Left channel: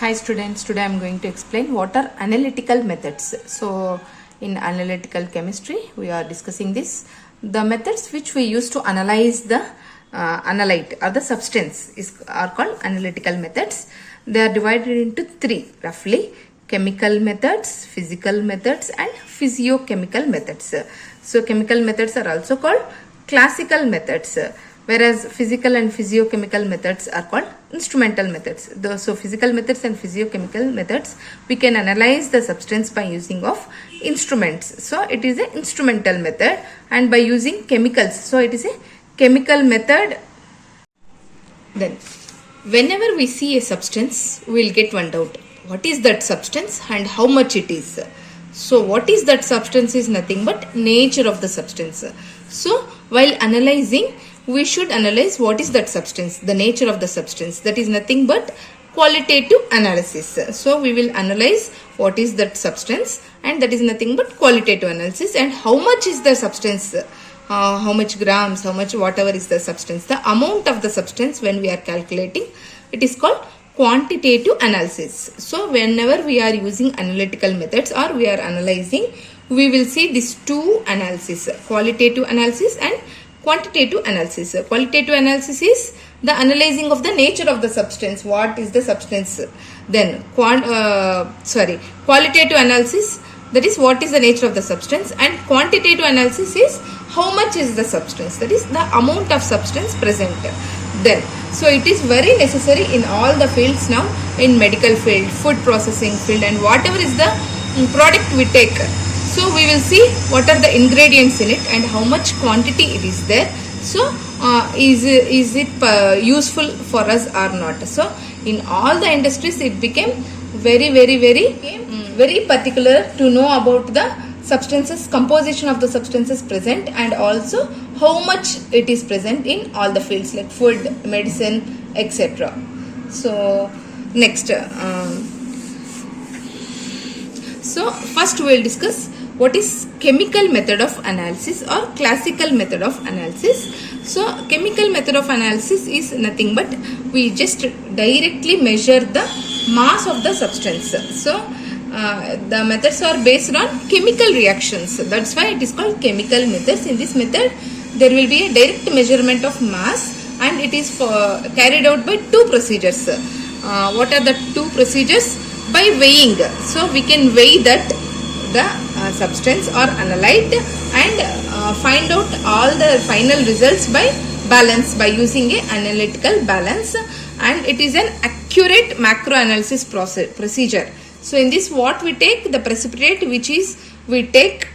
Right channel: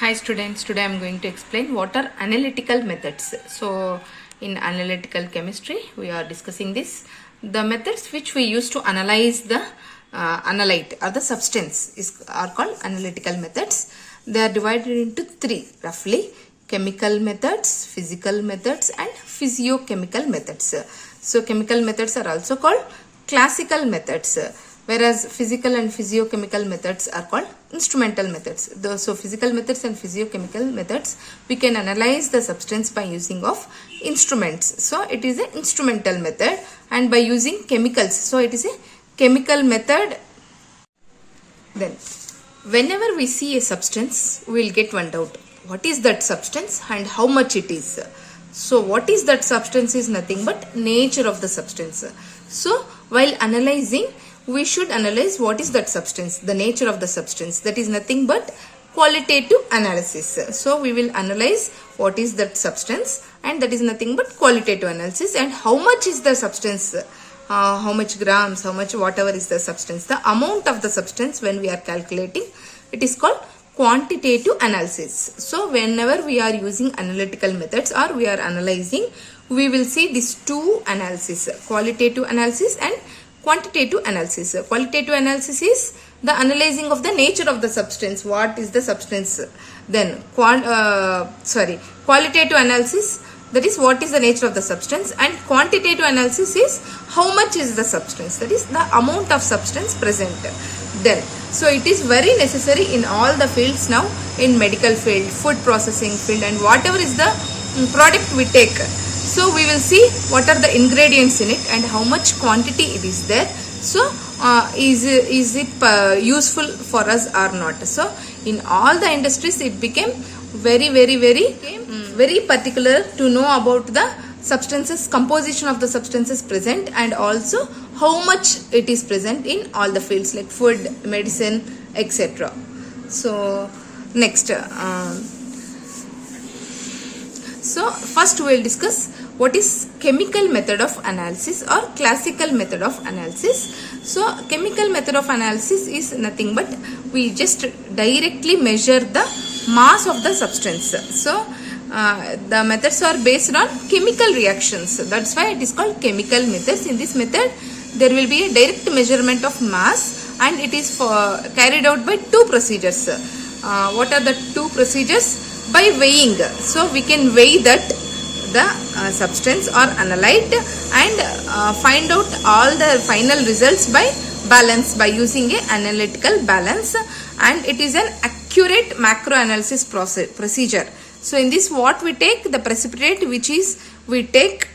Hi students, today I am going to explain what are analytical methods. So in analytical chemistry we are discussing this. The methods which we use to analyze the analyte or the substance are called analytical methods. They are divided into three roughly: chemical methods, physical methods and physiochemical methods. So chemical methods are also called classical methods, whereas physical and physiochemical methods are called instrumental methods. So physical methods and physiochemical methods, we can analyze the substance by using of instruments. So it is an instrumental method, and by using chemicals, so it is a chemical method. Then whenever we see a substance, we will get one doubt: what is that substance and how much it is? So what is that substance is nothing but nature of the substance. So while analyzing, we should analyze what is that substance, the nature of the substance. That is nothing but qualitative analysis. So we will analyze what is that substance, and that is nothing but qualitative analysis. And how much is the substance, how much grams, how much whatever is the substance, the amount of the substance when we are calculating, it is called quantitative analysis. So whenever we are using analytical methods or we are analyzing, we will see these two analysis: qualitative analysis and quantitative analysis. Qualitative analysis is the analyzing of the nature of the substance. What is the substance? Then qualitative analysis, that is what is the nature of the substance, and quantitative analysis is how much is the substance, that is the amount of substance present. Then so it is very necessary in all the fields now, in medical field, food processing field, and whatever is the product we take. So we will see what are the ingredients in it and how much quantity it is there. So is it useful for us or not? So in all the industries it became very particular to know about the substances, composition of the substances present, and also how much it is present in all the fields like food, medicine, etc. So next, so first we will discuss what is chemical method of analysis or classical method of analysis. So chemical method of analysis is nothing but we just directly measure the mass of the substance. So the methods are based on chemical reactions. That's why it is called chemical methods. In this method, there will be a direct measurement of mass, and it is carried out by two procedures. What are the two procedures? By weighing. So we can weigh that the substance or analyte and find out all the final results by balance, by using an analytical balance, and it is an accurate macro analysis procedure. So in this, what we take, the precipitate, which is we take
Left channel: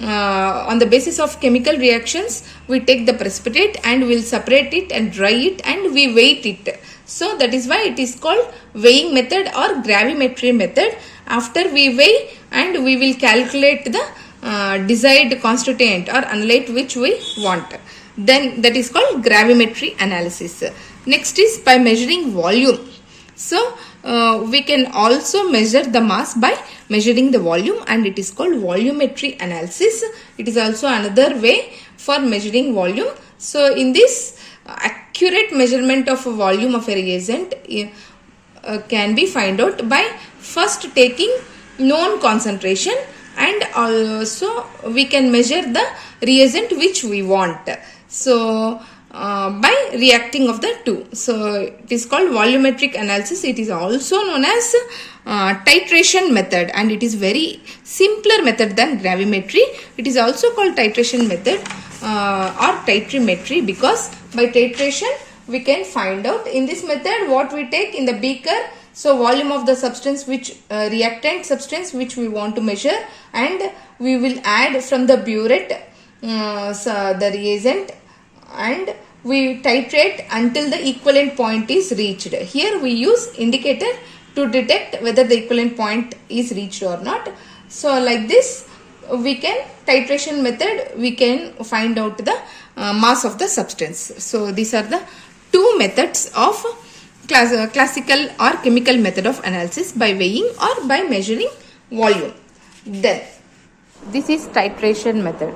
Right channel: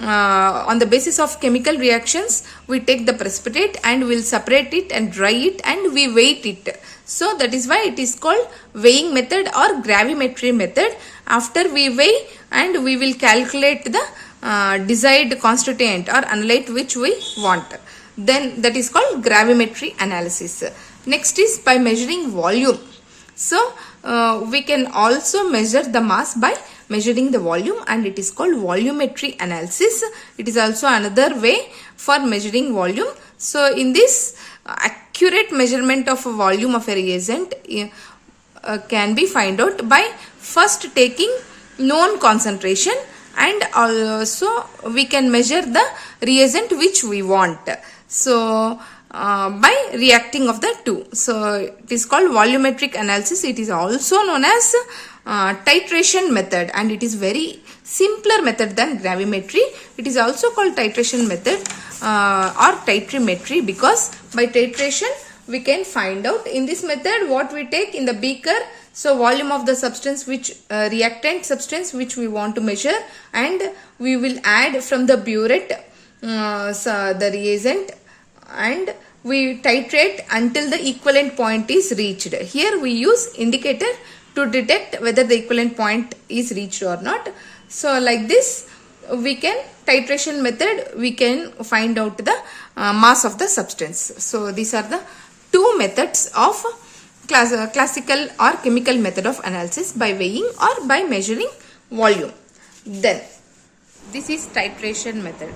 on the basis of chemical reactions, we take the precipitate and we'll separate it and dry it and we weight it. So that is why it is called weighing method or gravimetry method. After we weigh, and we will calculate the desired constituent or analyte which we want. Then that is called gravimetry analysis. Next is by measuring volume. So we can also measure the mass by measuring the volume, and it is called volumetry analysis. It is also another way for measuring volume. So in this, accurate measurement of volume of a reagent can be found out by first taking known concentration, and also we can measure the reagent which we want. So by reacting of the two. So it is called volumetric analysis. It is also known as titration method, and it is very simpler method than gravimetry. It is also called titration method or titrimetry, because by titration we can find out. In this method, what we take in the beaker, so volume of the substance, which reactant substance which we want to measure, and we will add from the burette the reagent, and we titrate until the equivalent point is reached. Here we use indicator to detect whether the equivalent point is reached or not. So like this, we can, titration method, we can find out the mass of the substance. So these are the two methods of classical or chemical method of analysis, by weighing or by measuring volume. Then this is titration method.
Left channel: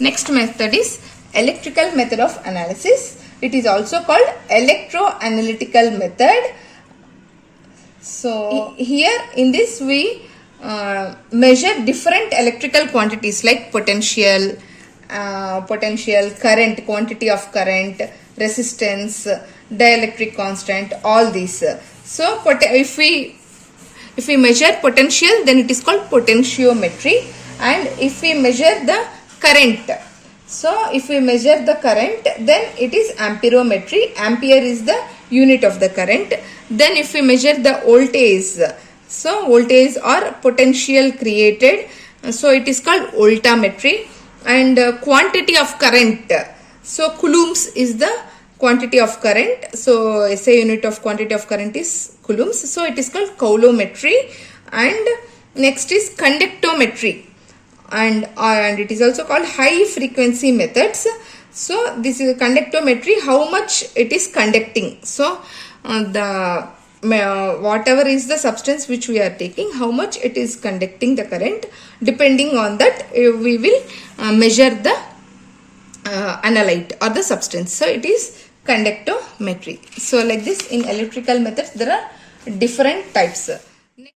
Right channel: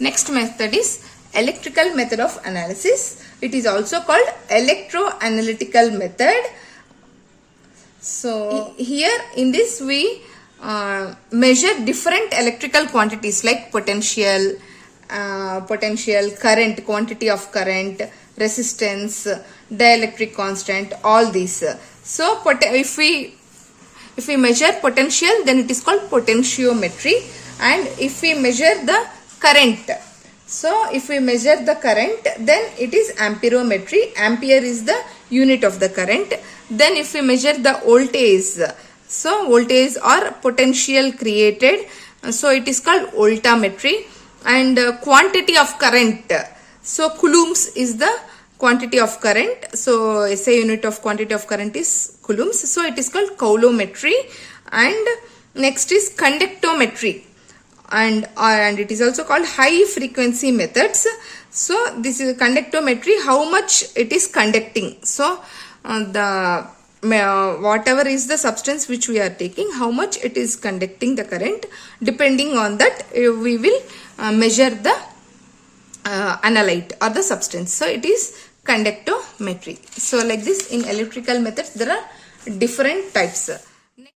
Next method is electrical method of analysis. It is also called electroanalytical method. So here in this we measure different electrical quantities like potential, current, quantity of current, resistance, dielectric constant, all these. So if we measure potential, then it is called potentiometry, and if we measure the current, so if we measure the current, then it is amperometry. Ampere is the unit of the current. Then if we measure the voltage, so voltage or potential created, so it is called voltammetry. And quantity of current, so coulombs is the quantity of current. So SI unit of quantity of current is coulombs. So it is called coulometry. And next is conductometry. And it is also called high frequency methods. So this is conductometry, how much it is conducting. So whatever is the substance which we are taking, how much it is conducting the current, depending on that we will measure the analyte or the substance. So it is conductometry. So like this, in electrical methods there are different types.